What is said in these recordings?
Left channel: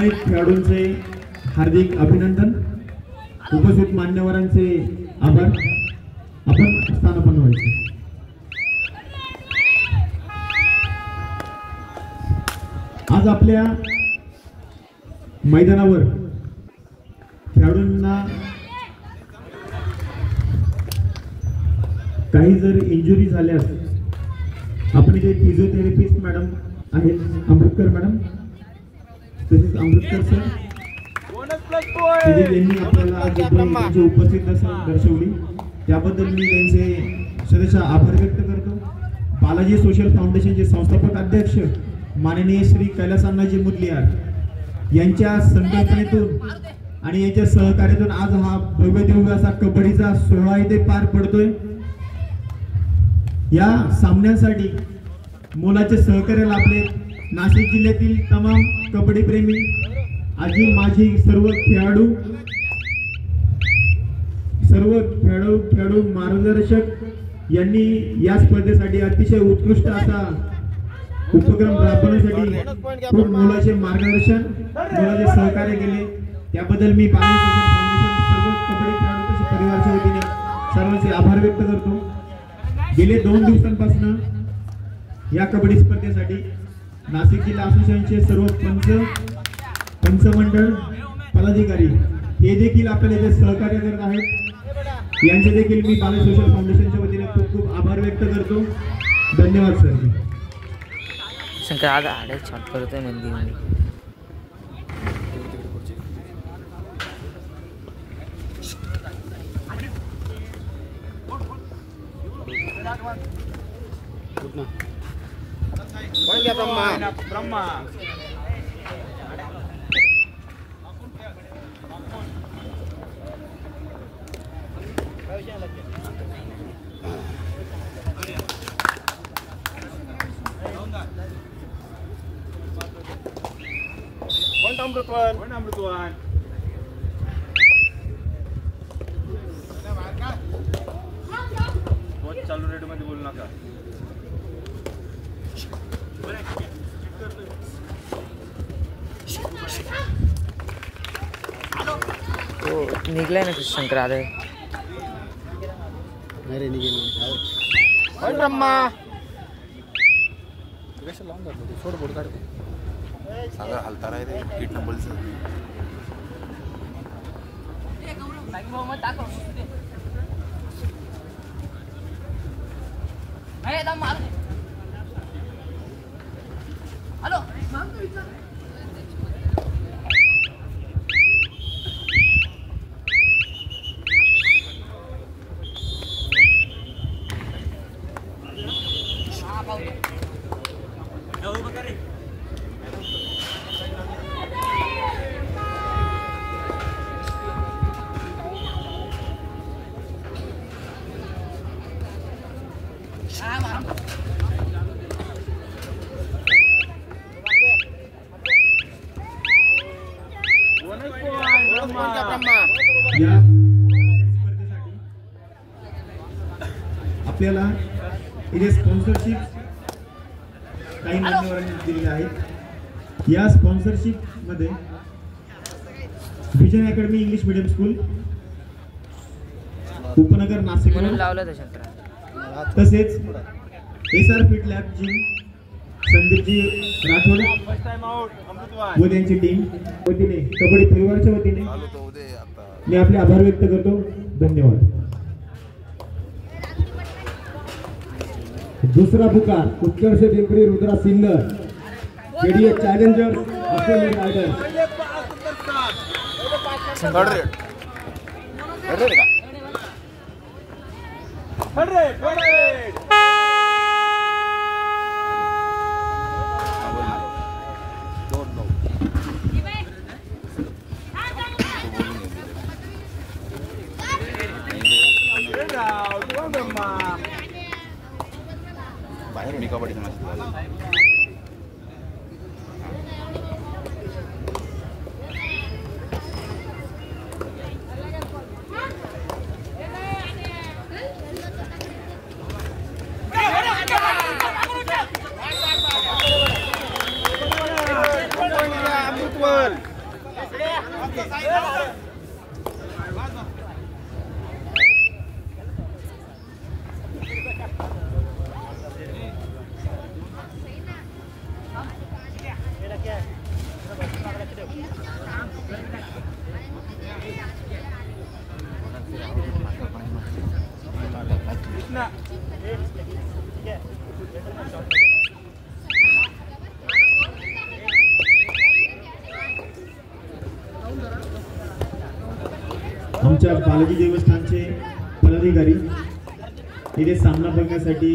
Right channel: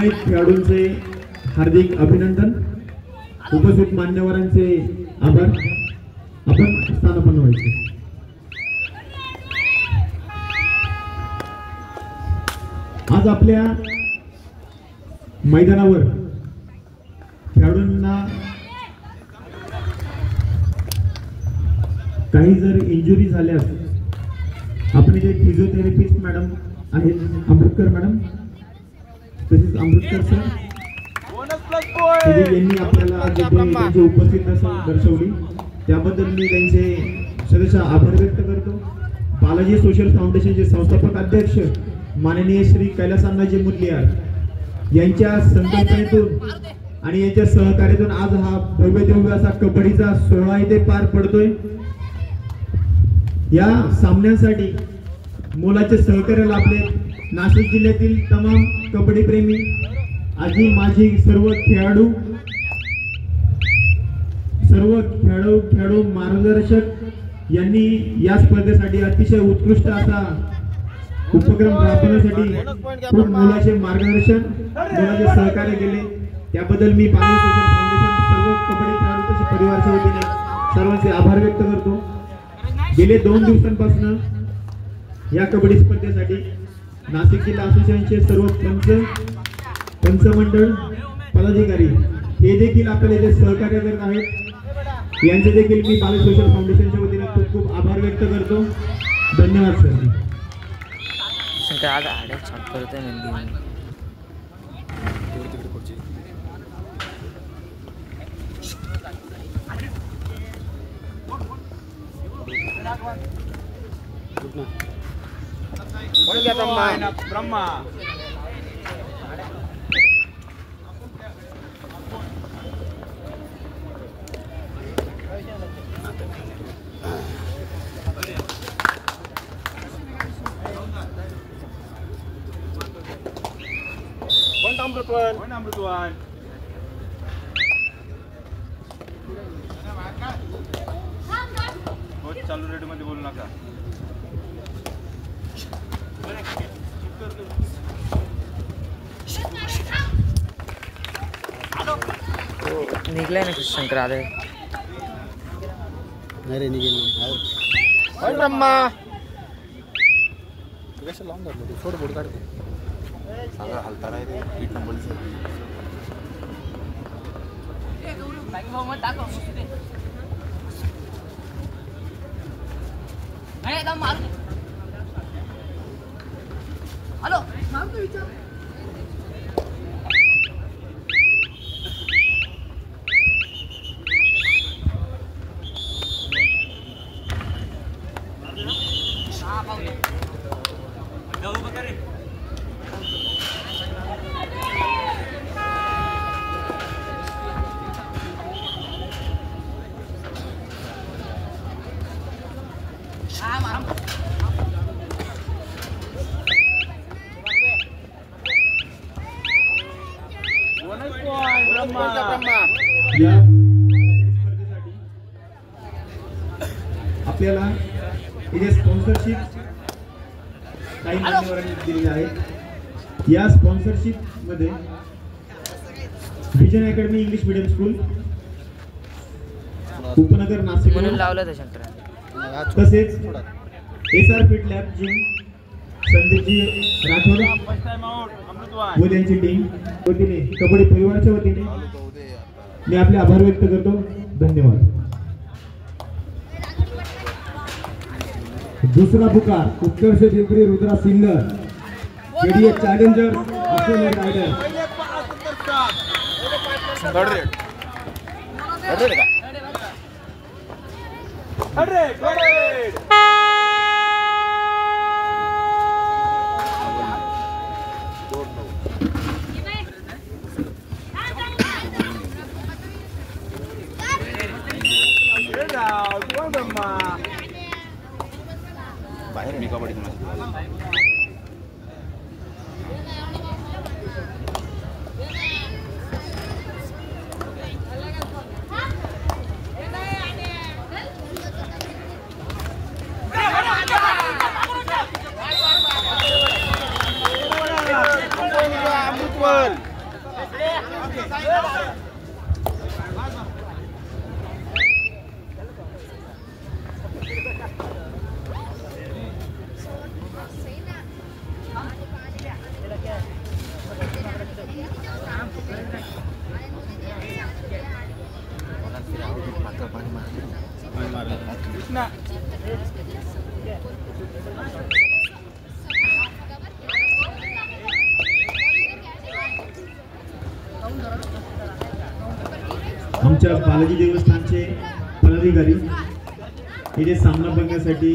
निर्णायक खेळाडूंचे हार्दिक अभिनंदन, उपस्थित मान्यवरांचे आभार। आपण स्थानापन्न व्हायचे। आज आपल्या मैदानावर खेळाडूंना काही जर इंजुरी झाल्यास आपण इथे फिजिओथेरपिस्ट मॅडम आहेत, अमृतकर मॅडम, तसेच अमृतकर सर यांनी आपल्याला त्यांची उपस्थिती दर्शवली, त्याबद्दल मी त्यांचे सदस्य आभार व्यक्त करतो। बालाजी सोशल फाउंडेशनचे संस्थापक अध्यक्ष माननीय श्री कैलासअण्णाजी मुदलियार यांच्या संकल्पनेतून आणि यांच्या सहकार्यातून आज हा भव्य दिव्य असा कबड्डीचा सोहळा इथे पार पडतोय। या सामन्यासाठी मोलाचे सहकार्य लाभले नाशिक जिल्ह्यातील तमाम कबड्डी प्रेमी, आजी माजी सर्व खेळाडू मार्गदर्शक यांनी या स्पर्धेसाठी अतिशय उत्कृष्ट असा उपक्रम राबवण्यासाठी खूप मोलाचे मार्गदर्शन, मोलाचे सहकार्य केले, त्याबद्दल मी बालाजी सोशल फाउंडेशन सर्व कबड्डी खेळाडू तसेच परिवाराच्या वतीने सर्वांचे आभार व्यक्त करतो। गेले 2 दिवसांपासून या कबड्डी स्पर्धेसाठी नाशिक जिल्हा असोसिएशनचे सर्व पंच मंडळ पदाधिकारी हे देखील आपल्याला इथे सहकार्य करत आहेत। यांचे देखील मी बालाजी सोशल फाउंडेशनच्या वतीने खूप खूप आभार व्यक्त करतो। धन्यवाद सर। ब्रह्मा अमृतवान चालू रेडिओ मध्ये बोलू नका। निघलाय ना शंकर आले ब्रह्मा थोडं बोर्ड काढ हलता राहते 8 नंबर से हेलो नाम तो विचार आपल्याला इथे स्पॉन्सरशिप काही मान्यवरांनी दिलेली आहे। या स्पॉन्सरशिप मध्ये vision academy English medium school उपनगर नाशिक म्हणून लावलं त्या शंकरा, तसेच SR fit lab gym Sandeepji Rathod व त्यांची टीम वतीने कबड्डी परिवाराच्या वतीने मी आपले आभार व्यक्त करतो। धन्यवाद। दूसरा पुकार Utkarsh Pimpri Rudra Sinnar JDA challenger Australian rider बाहेर नाही कबड्डी अमृतवाल आमच्या बालाजी देवस्थानचे पदाधिकारी इथे सामना बघण्यासाठी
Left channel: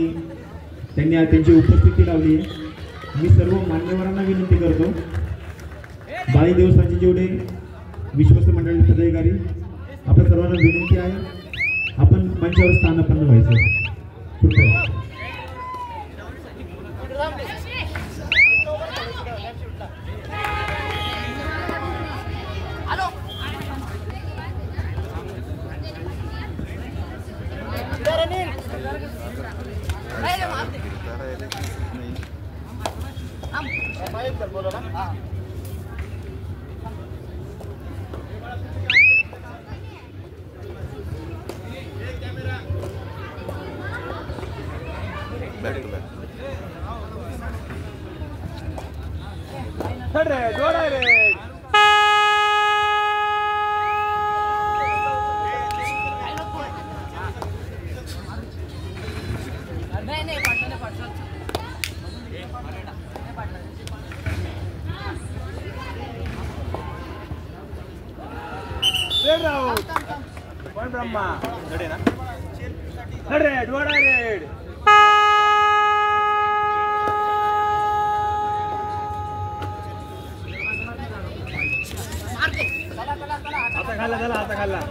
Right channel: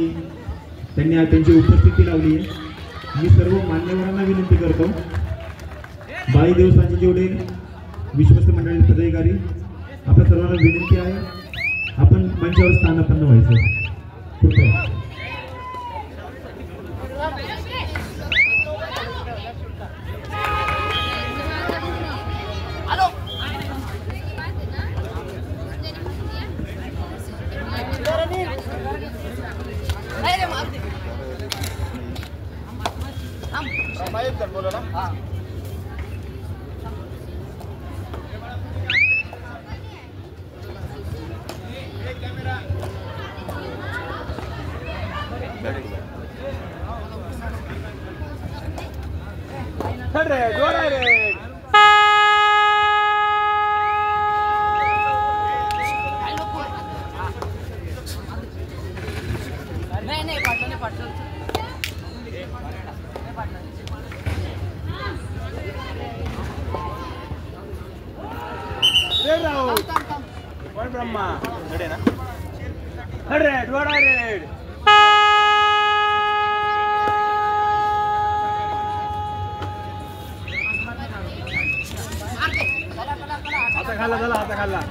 त्यांनी त्यांची उपस्थिती लावली आहे. मी सर्व मान्यवरांना विनंती करतो, बालाजी देवस्थानचे जेवढे विश्वस्त मंडळाचे पदाधिकारी, आपल्या सर्वांना विनंती आहे आपण मंचावर स्थानापन्न व्हायचं. कृपया Point Brahma. Ready na? 100. What I read? आता खाल्ला झाला, आता खाल्ला.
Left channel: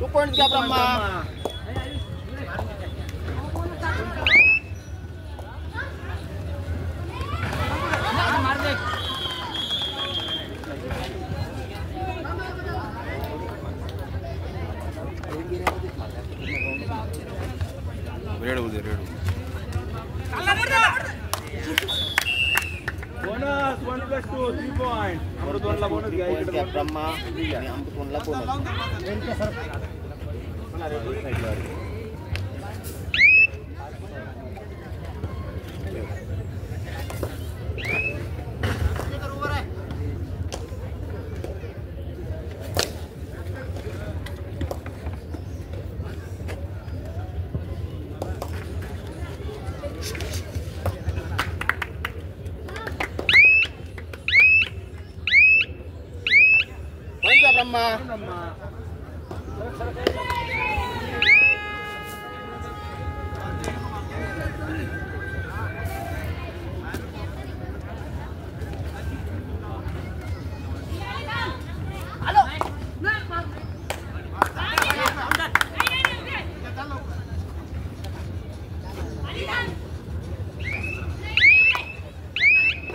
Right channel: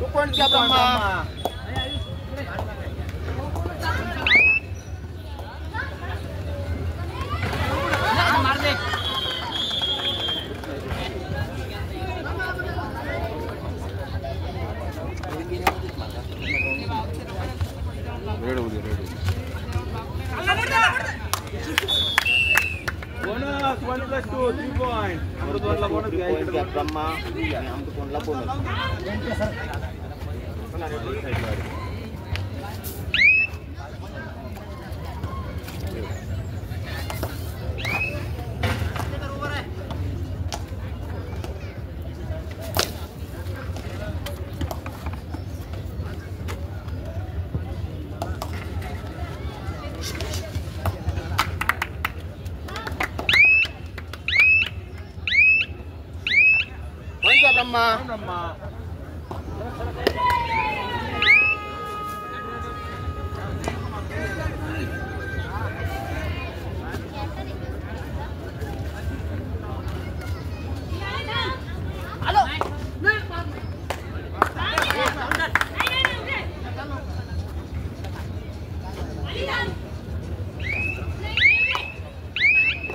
2 points घ्या ब्रह्मा. रेड होऊ दे, रेड होऊ दे. Bonus 1 + 2 3 point. अमृतवनला बोनस घ्या इकडे ब्रह्मा. अमृतवनला bonus. Brahma.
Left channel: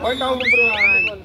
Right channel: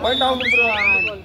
Point down to Brian.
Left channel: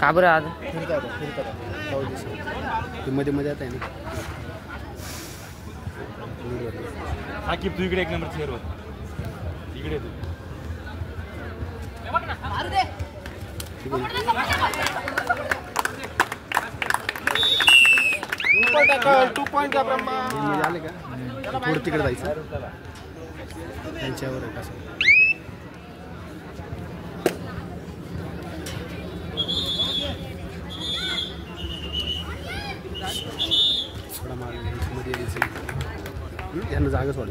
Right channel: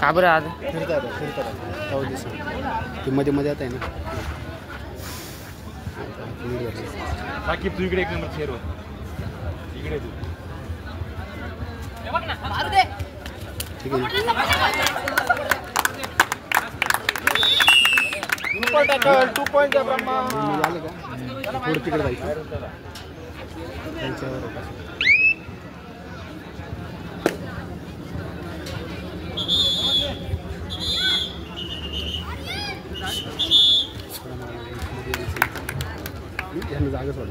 का बरं आज फिरतात जाऊ दिस ते मध्ये आता आहे ना साकीब तू इकडे एक नंबर चेअरवर इकडे तू टू पॉइंट द्या ब्रह्मा. आले का पुढे तिकडे जायचं त्यांच्यावर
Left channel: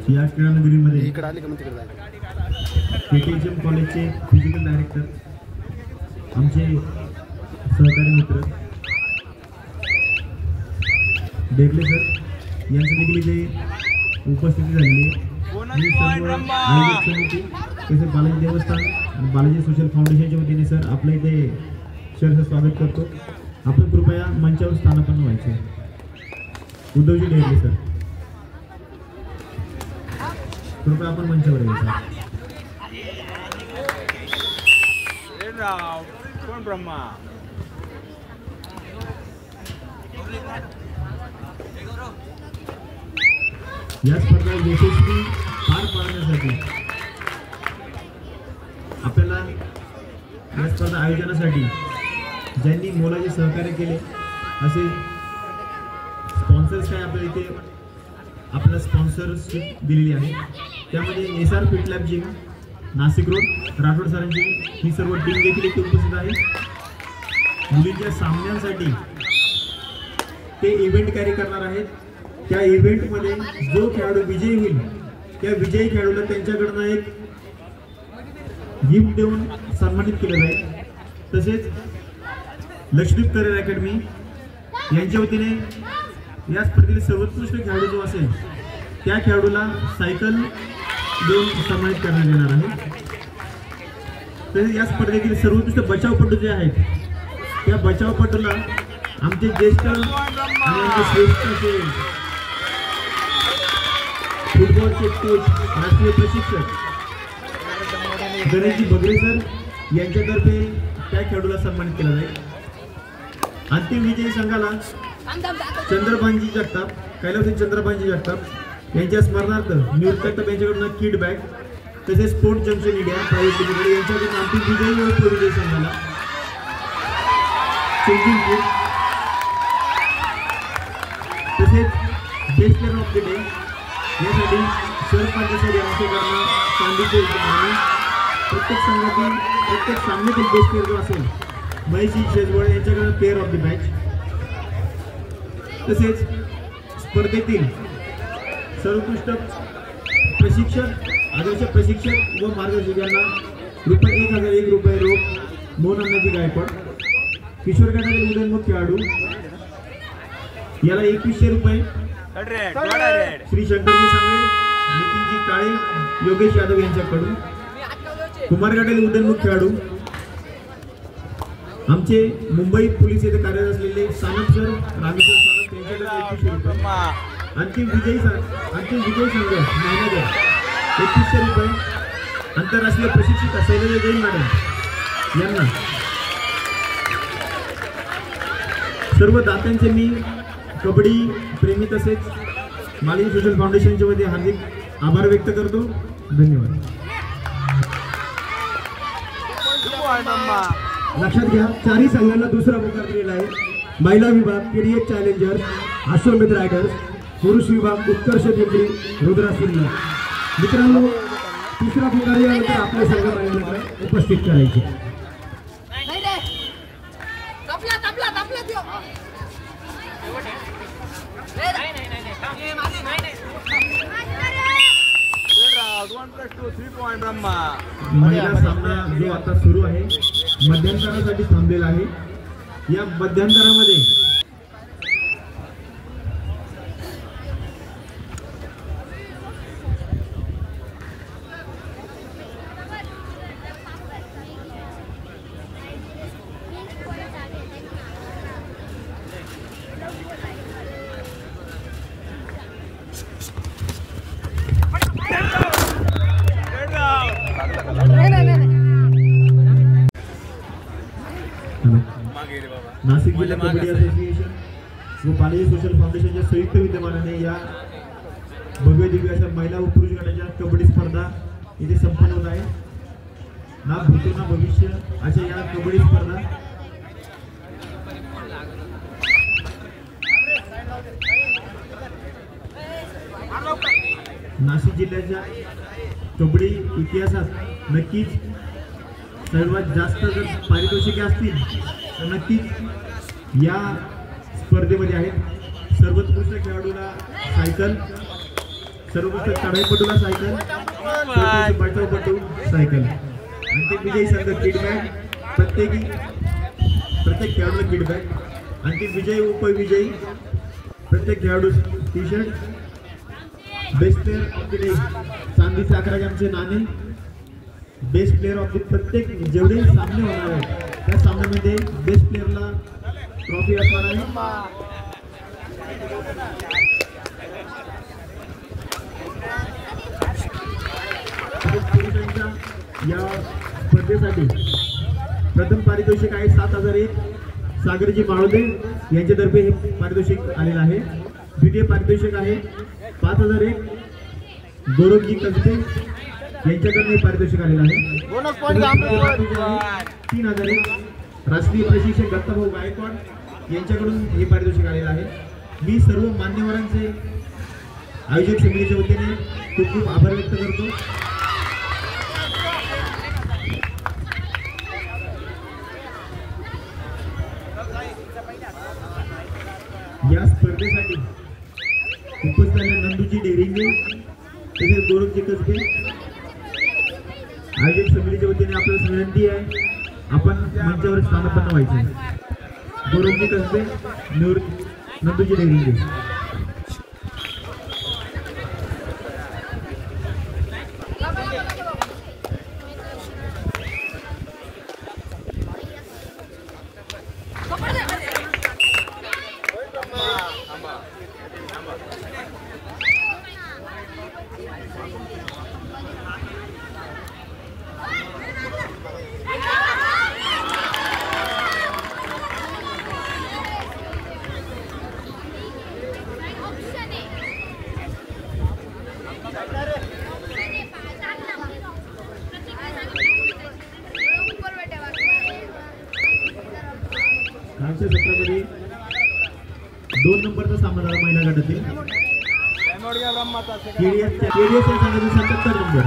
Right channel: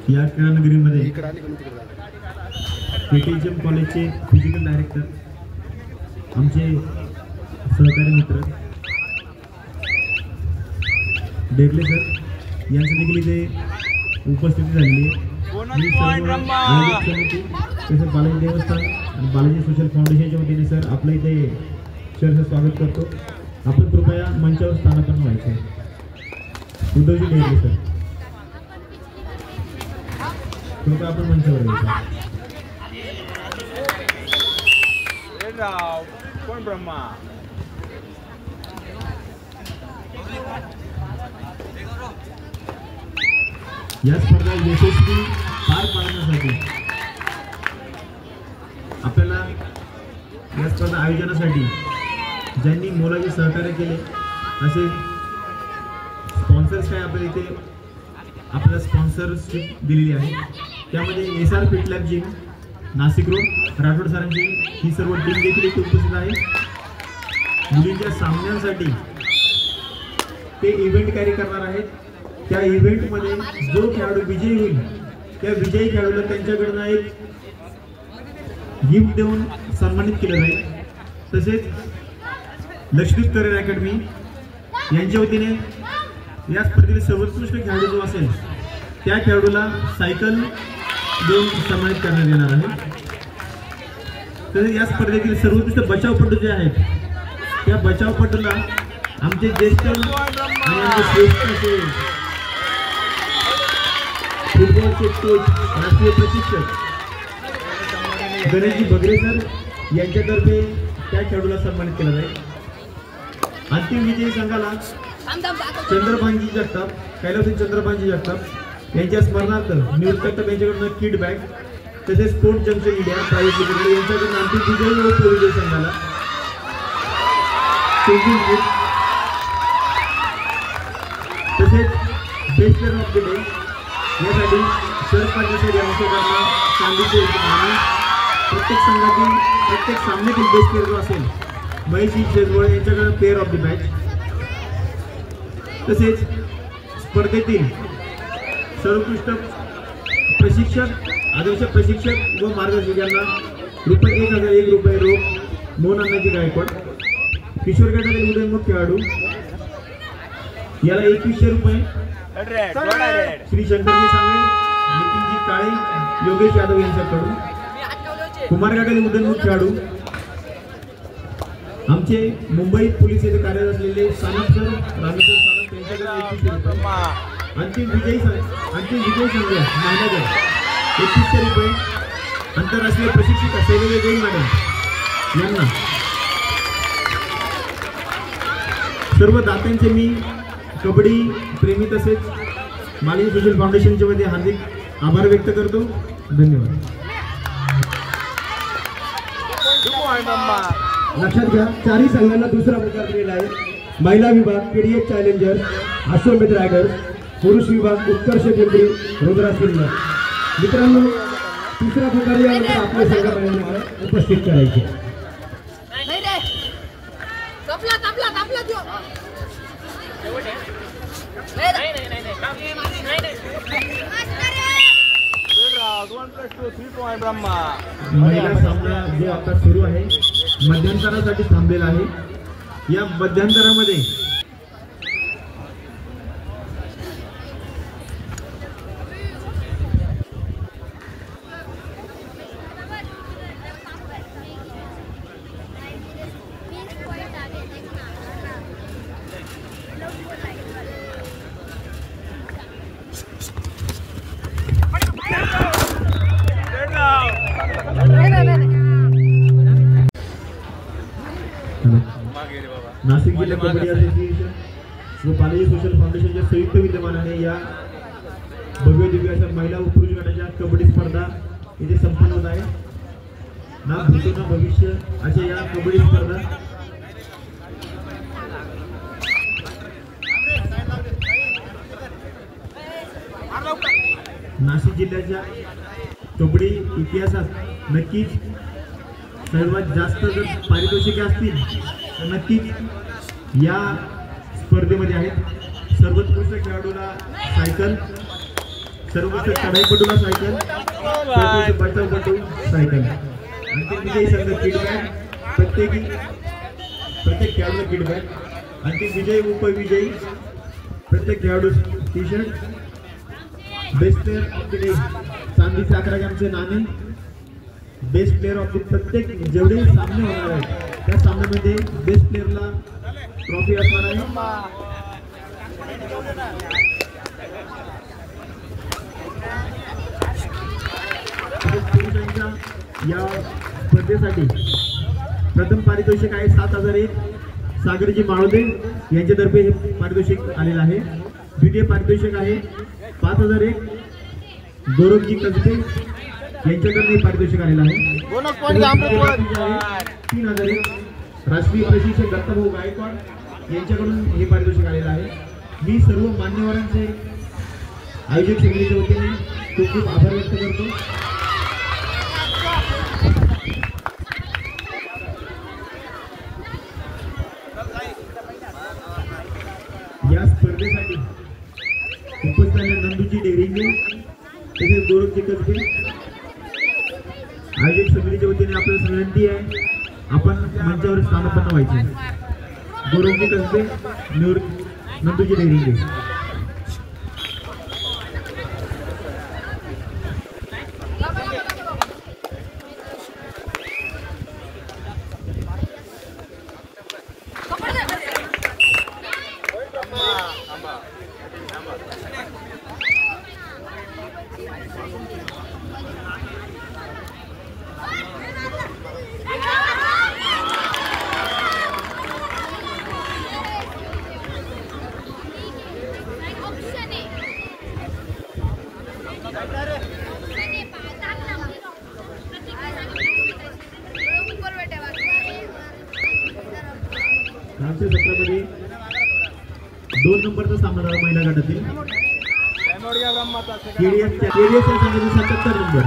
या क्रीडानगरीमध्ये इकडे आले का मग तिकडे जायचं. केटीएम कॉलेजचे फिजिकल डायरेक्टर आमचे सहकारी मित्र डेगले सर यांचं देखील इथे उपस्थिती झालेली आहे. मी सर्व आयोजक समिती तसेच बालाजी देवस्थान आणि बालाजी सोशल फाउंडेशनच्या वतीने सर आपल्या इथे सहर्ष स्वागत करतो. आपण कृपया मंचावर स्थानापन्न व्हायचे. उद्धवजी डेगले सर कृपया आपण मंचावर यायचं. कोण ब्रह्मा या स्पर्धा यशस्वी पार पाडण्यासाठी आपल्याला या स्पर्धा आयोजनासाठी ज्यांनी मोलाचे सहकार्य केले असे स्पॉन्सर्स काय आपल्याला इथे आपल्याला स्पॉन्सरशिप दिलेली आहे. त्यामध्ये SR fit lab gym Nashik road Rathod सरांची ही सर्व टीम देखील इथे उपस्थित आहे. मुलींच्या सामन्यांसाठी ते इव्हेंट कॅरी करणार आहेत. त्या इव्हेंटमध्ये जो खेळाडू विजयी होईल त्या विजयी खेळाडूला त्यांच्याकडनं एक गिफ्ट देऊन सन्मानित केलं जाईल. तसेच लक्ष्मी करिअर अकॅडमी यांच्या वतीने या स्पर्धेतील सर्वोत्कृष्ट खेळाडू जो असेल त्या खेळाडूला सायकल देऊन सन्मानित करण्यात येणार आहे. तसेच या स्पर्धेतील सर्वोत्कृष्ट बचावपटू जे आहेत त्या बचावपटूला आमचे ज्येष्ठ आणि आमचे श्रेष्ठ असे फुटबॉलचे कोच राष्ट्रीय प्रशिक्षक गणेशजी बगरे सर यांच्यातर्फे त्या खेळाडूला सन्मानित केला जाईल. अंतिम विजयी संघाला चंद्रभानजी जगताप कैलासजी चंद्रभानजी जगताप यांच्या स्मरणार्थ निवृत्त जगताप यांच्याकडून किट बॅग तसेच sport junction India private limited यांच्याकडून अंतिम विजयी व विजयी संघाला चेंजिंग किट तसेच best player of the day यासाठी सर पाटील यांच्याकडनं चांदीचे आणि प्रत्येक संघातील प्रत्येक सामन्यातील बेस्ट प्लेअर जो असेल महेशजी शेजवळ यांच्याकडे प्लेअर ऑफ द मॅच तसेच स्पर्धेतील सर्वोत्कृष्ट प्रशिक्षक आदर्श प्रशिक्षक व मार्गदर्शक यांना ₹1001 रोख मोहन अण्णाजी गायकवाड. किशोर गटातील उदयनमुख खेळाडू याला ₹2100 श्री शंकरजी सांगळे नितीनजी काळे योगेश यादव यांच्याकडून. कुमार गटातील उदयनमुख खेळाडू आमचे मुंबई पोलीस येथे कार्यरत असलेले सानप सर रामेश्वर सानप यांच्याकडे ₹2100. अंतिम विजयी संघ महिनागड ₹3100. आंतरराष्ट्रीय प्रशिक्षिका शैलजा जैन मॅडम यांना. सर्व दात्यांचे मी कबड्डी प्रेमी तसेच मालिनी सोशल फाउंडेशनच्या वतीने हार्दिक आभार व्यक्त करतो. धन्यवाद. लक्षात घ्या चारही संघांना दुसरा प्रकार दिलेला आहे. महिला विभाग KDH चॅलेंजर्स अश्वमेध रायडर्स, पुरुष विभाग उत्कर्ष पिंपरी रुद्रा सिल्वर. मित्रांनो तिसरा प्रकार यानंतर आपल्या संघ बाळगण्याकडे उपस्थित करायचे. कपला महिला सामना जो आता सुरू आहे मध्यंतरासाठी थांबलेला आहे. या मध्यंतरामध्ये नाशिक जिल्हा कबड्डी असोसिएशन व बालाजी सोशल फाउंडेशनच्या संयुक्त विद्यमानाने या भव्य दिव्य अशा महिला व पुरुष गटाच्या कबड्डी स्पर्धा इथे संपन्न होत आहे. ना भूतो ना भविष्य अशा या कबड्डी स्पर्धा नाशिक जिल्ह्याच्या कबड्डी इतिहासात नक्कीच सर्वात जास्त जर पारितोषिके असतील तर नक्कीच या स्पर्धेमध्ये आहेत. सर्वोत्कृष्ट खेळाडूला सायकल, सर्वोत्कृष्ट चढाईपटूला सायकल, बचावपटू सायकल, अंतिम विजयी संघ किटबॅग, प्रत्येक खेळाडूला किटबॅग, अंतिम विजयी उपविजयी प्रत्येक खेळाडू T shirt, best player of the day चांदीचे 11 ग्रॅमचे नाणे, बेस्ट प्लेअर ऑफ द प्रत्येक जेवढे सामने होणार आहेत त्या सामन्यामध्ये बेस्ट प्लेअरला ट्रॉफी असणार आहे. पुरुषांच्या या स्पर्धेसाठी प्रथम पारितोषिक आहे 7,001 सागरजी माळोदे यांच्यातर्फे हे पारितोषिक आलेलं आहे. द्वितीय पारितोषिक आहे 5,001 गौरवजी कसबे यांच्याकडून पारितोषिक आलेलं आहे. 3,001 राष्ट्रीय प्रशिक्षक दत्ताभाऊ गायकवाड यांच्याकडून हे पारितोषिक आलेलं आहे. मी सर्व मान्यवरांचे आयोजक समितीच्या वतीने खूप खूप आभार व्यक्त करतो. या स्पर्धेसाठी उपस्थित नंदूजी डेरिंगे तसेच गौरवजी कसबे आयोजक समितीच्या वतीने आपल्याला विनंती आहे आपण मंचावर स्थानापन्न व्हायचे. गौरवजी कसबे, नंदूजी डेरिंगे. आजच्या सत्रामध्ये 2 नंबरचा सामना झाला महिला गटातील. केडीएस संघाचा 77 नंबर.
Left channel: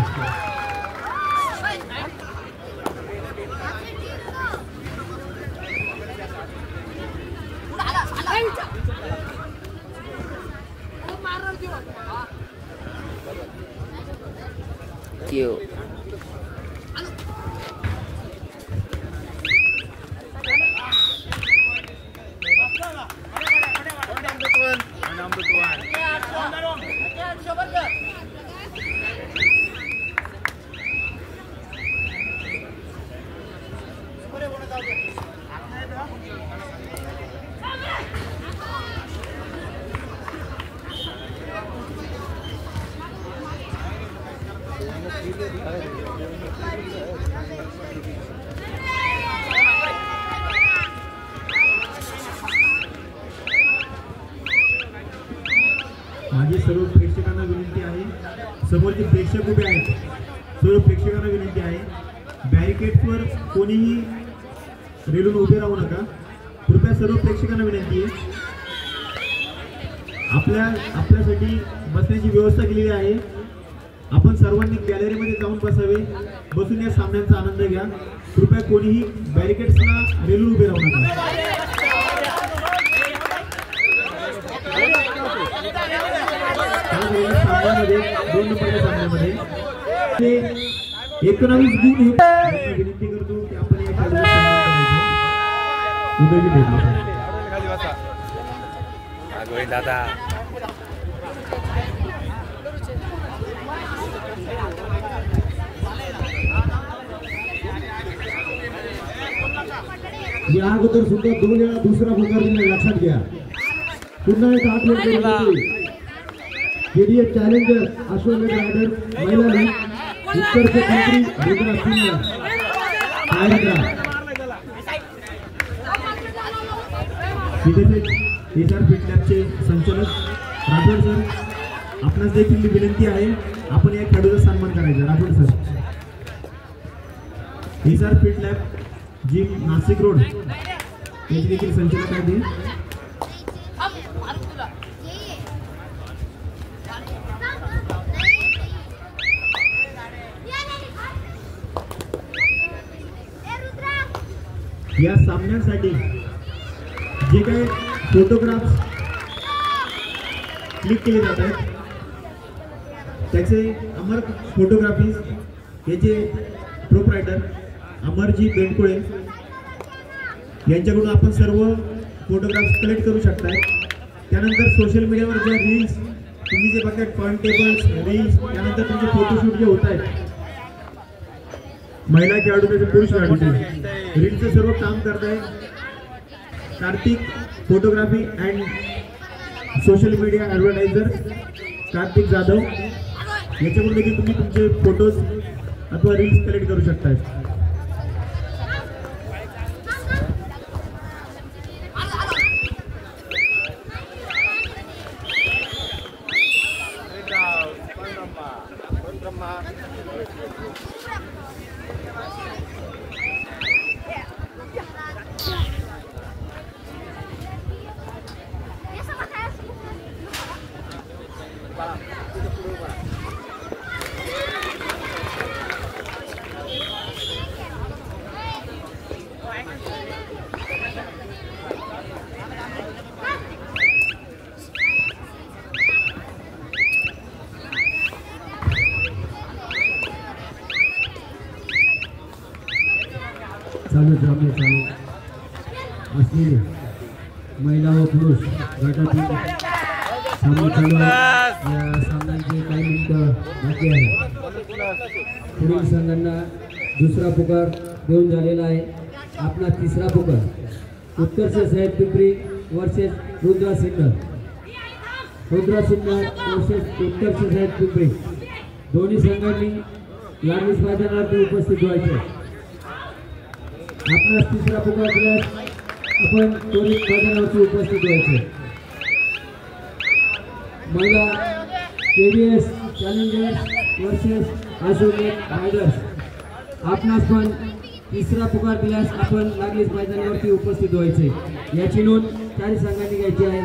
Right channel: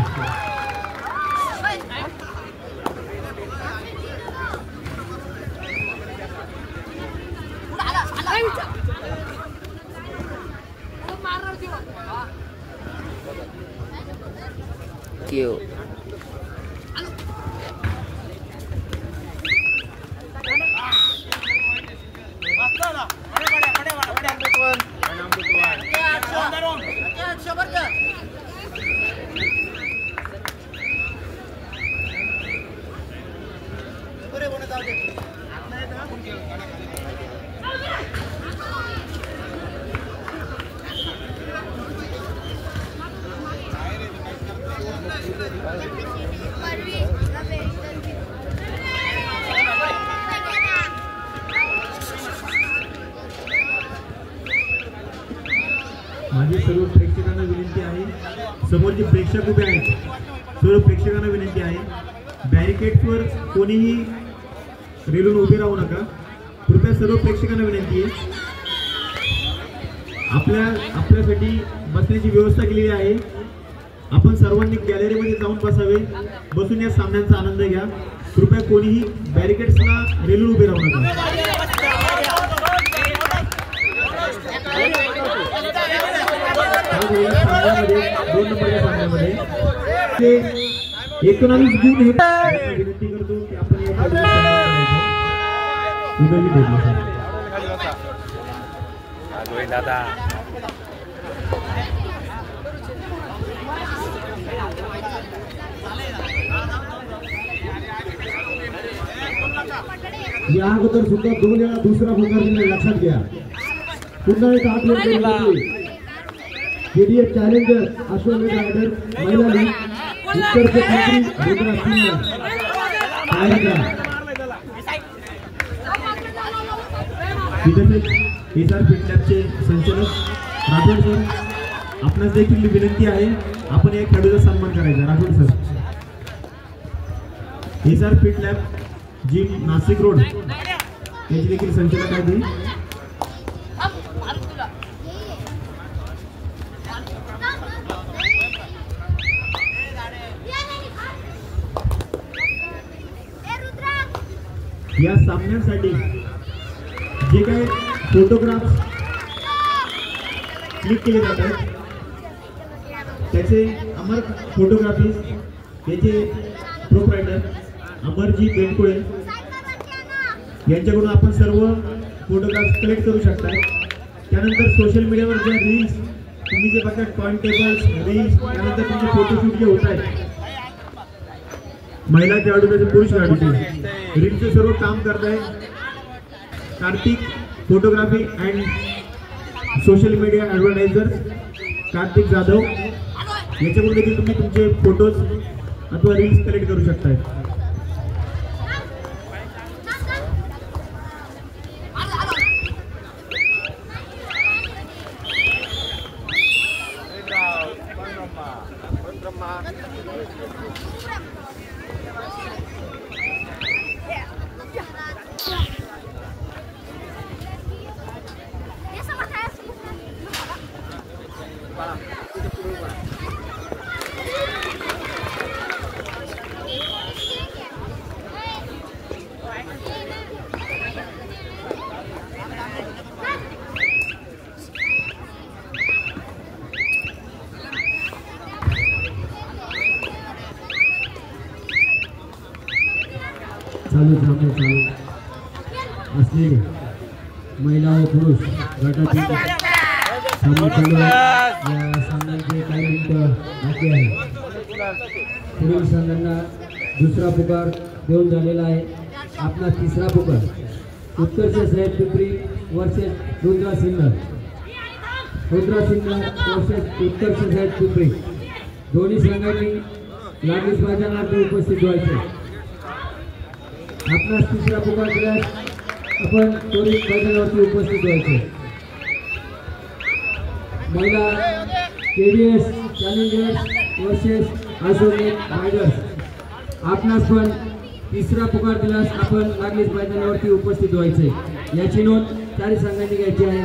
माझी सर्व प्रेक्षकांना विनंती आहे, समोरचे प्रेक्षक उभे आहेत, सर्व प्रेक्षकांना विनंती आहे बॅरिकेड्सवर कोणीही रेलून उभे राहू नका. कृपया सर्व प्रेक्षकांना विनंती आहे, आपल्यासाठी बसण्याची व्यवस्था केलेली आहे. आपण सर्वांनी गॅलरीमध्ये जाऊन बसावे, बसून या सामन्यांचा आनंद घ्या. कृपया कोणीही बॅरिकेड्सला रेलून उभे राहू नका. सामन्यामध्ये 2 नंबरच्या सामन्यामध्ये ते 19 गुण हे विनंती करतो की आपण या खेळाडूचा सन्मान करायचा. उदयजी ढेबले सर. दादा या अगोदर सुद्धा 2 वेळा दुसरा पुकार दिला, लक्षात घ्या. पुन्हा एक हात वर केला केडीएस चॅलेंजर अश्वमेध रायडर महिला लीग उत्तर क्षेत्री रुद्रा सिंह एसआर फिट लॅबचे संचालक राठोड सर, आपणास देखील विनंती आहे आपण या खेळाडूचा सन्मान करायचा. Rathod sir. SR fit lab gym Nashik road याचे देखील संचालक आहे. या सामन्यासाठी जे काही फोटोग्राफ क्लिक केले जात आहेत त्याचे अमर फोटोग्राफीज याचे प्रोप्रायटर अमरजी बेंडकुळे यांच्याकडून आपण सर्व फोटोग्राफ्स कलेक्ट करू शकता. त्यानंतर सोशल मीडियावर ज्या रील्स तुम्ही जे बघता पॉइंट टेबल्स रील्स त्यानंतर तुमचे फोटोशूट जे होत आहेत महिला खेळाडू तसे पुरुष खेळाडूचे रीलचे सर्व काम करत आहे Kartik photography and social media advertiser Kartik Jadhav याच्याकडून देखील तुम्ही तुमचे फोटोज अथवा रील्स कलेक्ट करू शकता. चालू असलेले महिला व पुरुष गटातील सामने चालू आहे. या सामन्याचे काही मिनिटं बाकी आहे. पुढील संघांना दुसरा पुकार देऊन झालेला आहे. आपला तिसरा पुकार उत्कर्ष साहेब पिंपरी वर्सेस रुद्रा सिन्नर. रुद्रा सिन्नर वर्सेस उत्कर्ष साहेब पिंपरी दोन्ही संघांनी लागलीच मैदानावरती उपस्थित व्हायचे. आपला तिसरा पुकार दिल्यास आपण दोन्ही मैदानावरती उपस्थित व्हायचे. महिला केडीएस चॅलेंजर्स वर्सेस अश्वमेध रायडर्स. आपणास पण तिसरा पुकार दिल्यास आपण लागलीच मैदानावरती उपस्थित व्हायचे. याची नोंद चारही संघांनी घ्यायची आहे.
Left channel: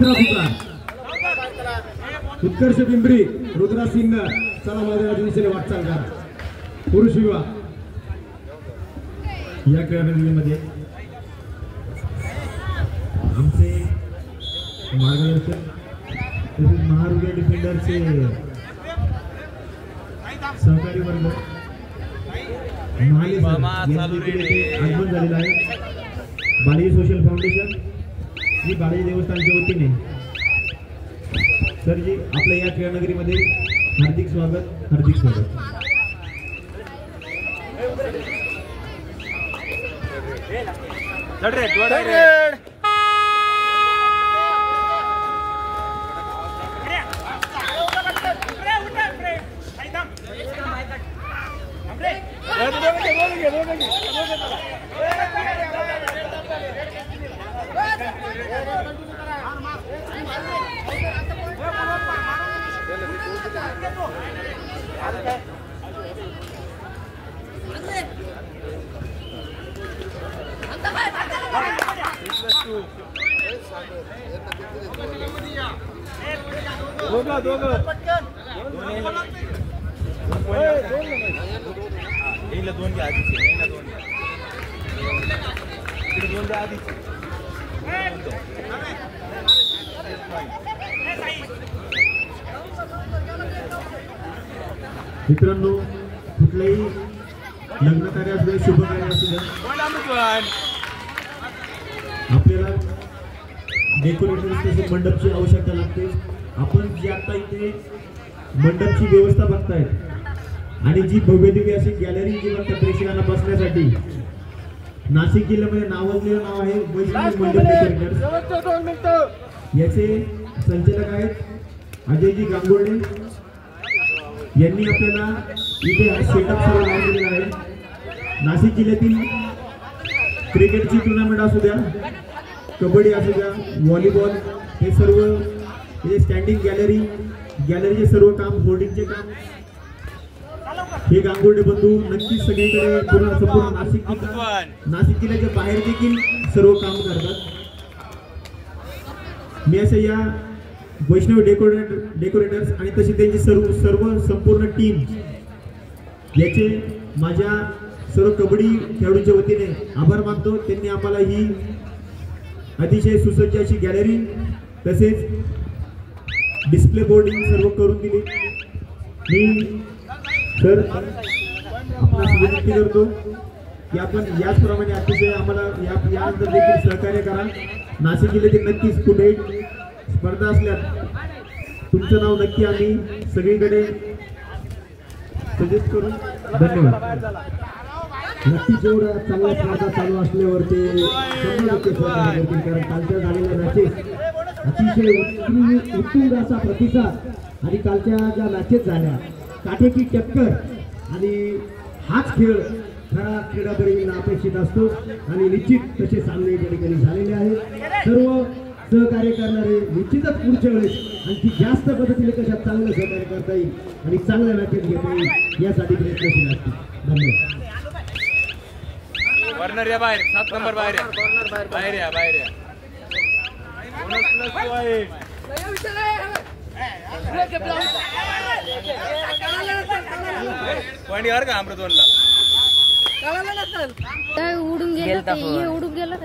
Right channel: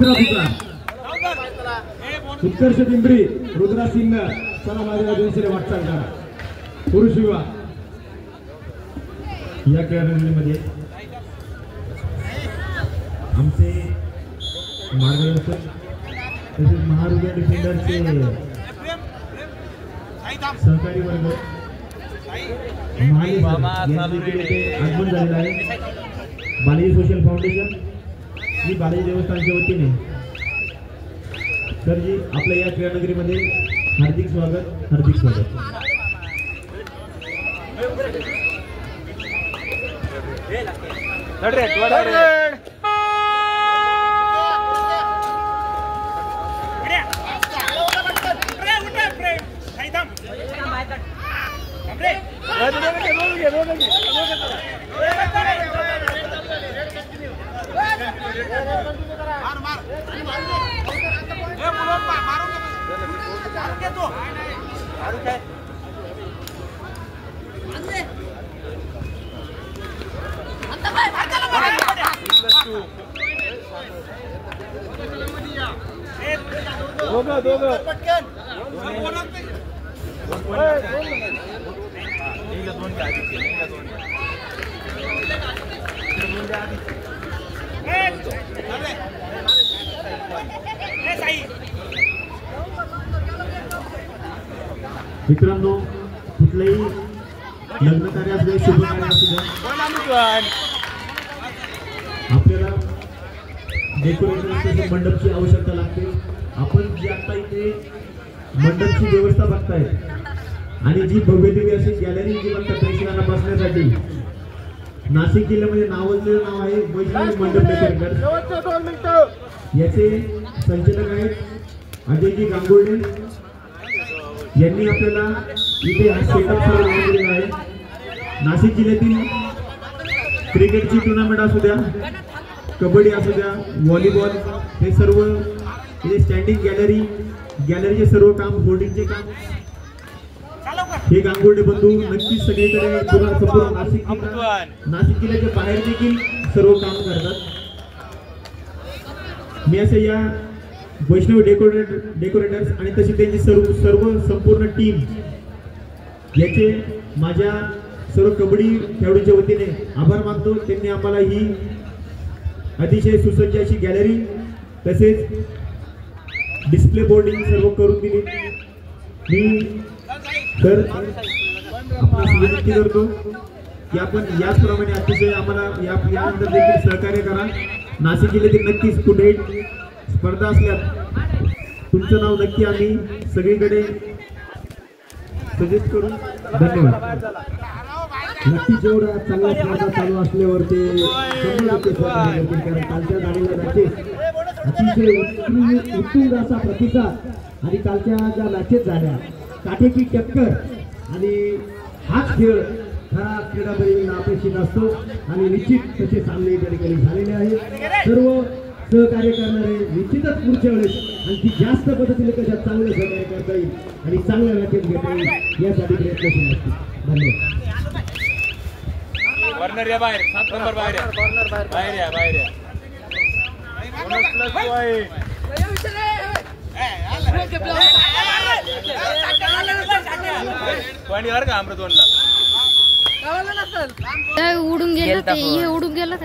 तिसरा पुकार उत्कर्ष पिंपरी रुद्रा सिंह चला माझ्या दिशेने वाटचाल करा. पुरुष विभाग या खेळाडूंमध्ये आमचे मार्गदर्शक तसेच महारुद्र डिफेंडरचे सहकारी वर्ग आगमन झालेलं आहे. बालाजी सोशल फाउंडेशन ही बालाजी देवस्थानच्या वतीने सरजी आपल्या या खेळनगरीमध्ये हार्दिक स्वागत. मित्रांनो, कुठलंही लग्न कार्य असू द्या, शुभ कार्य असू द्या, आपल्याला डेकोरेशन मंडपची आवश्यकता लागते. आपण जी आता इथे मंडपची व्यवस्था बघताय आणि जी भव्यदिव्य अशी गॅलरी जी बघता प्रेक्षकांना बसण्यासाठी, नाशिक जिल्ह्यामध्ये नावाजलेलं नाव आहे वैष्णवी मंडप डेकोरेटर. याचे संचालक आहेत अजयजी गांगुर्डे यांनी आपल्याला इथे हा सेटअप सुरू केलेला आहे. नाशिक जिल्ह्यातील क्रिकेटची टुर्नामेंट असू द्या, कबड्डी असू द्या, व्हॉलीबॉल, हे सर्व इथे स्टँडिंग गॅलरीचे सर्व काम, होर्डिंगचे काम हे गांगुर्डे बंधू नक्कीच सगळीकडे संपूर्ण नाशिक जिल्ह्याच्या बाहेर देखील सर्व काम करतात. मी असं या वैष्णवी डेकोरेटर्स आणि तशी त्यांची सर्व संपूर्ण टीम याचे माझ्या सर्व कबड्डी खेळाडूंच्या वतीने आभार मानतो. त्यांनी आम्हाला ही अतिशय सुसज्ज अशी गॅलरी तसेच डिस्प्ले बोर्डिंग सर्व करून दिली. मी तर आपणास विनंती करतो की आपण याचप्रमाणे अतिशय आम्हाला यानंतर देखील सहकार्य करा. नाशिक जिल्ह्यातील नक्कीच कुठेही स्पर्धा असल्यास तुमचं नाव नक्की आम्ही सगळीकडे सजेस्ट करू. धन्यवाद. नक्की जेवढा चांगल्या स्पर्धा चालू असल्यावर ते 100% सहकार्य करतील, कारण कालच्या झालेल्या मॅचेस अतिशय उत्तुंग असा प्रतिसाद आणि कालच्या ज्या मॅचेस झाल्या काटेकी टक्कर आणि हाच खेळ खरा क्रीडाप्रेमींना अपेक्षित असतो आणि निश्चित तसे सामने त्या ठिकाणी झालेले आहेत. सर्व सहकार्य करणारे निश्चितच पुढच्या वेळेस आणखी जास्त पद्धतीने कशा चांगलं सहकार्य करता येईल आणि चांगल्या मॅचेस घेता येईल यासाठी प्रयत्नशील असतील. धन्यवाद. कॉर्नर या बाहेर, 7 नंबर बाहेर या, बाहेर या, बाहेर या. Bonus plus point. पॉइंट यार का अमृतवनला उडून गेला, उडून गेला.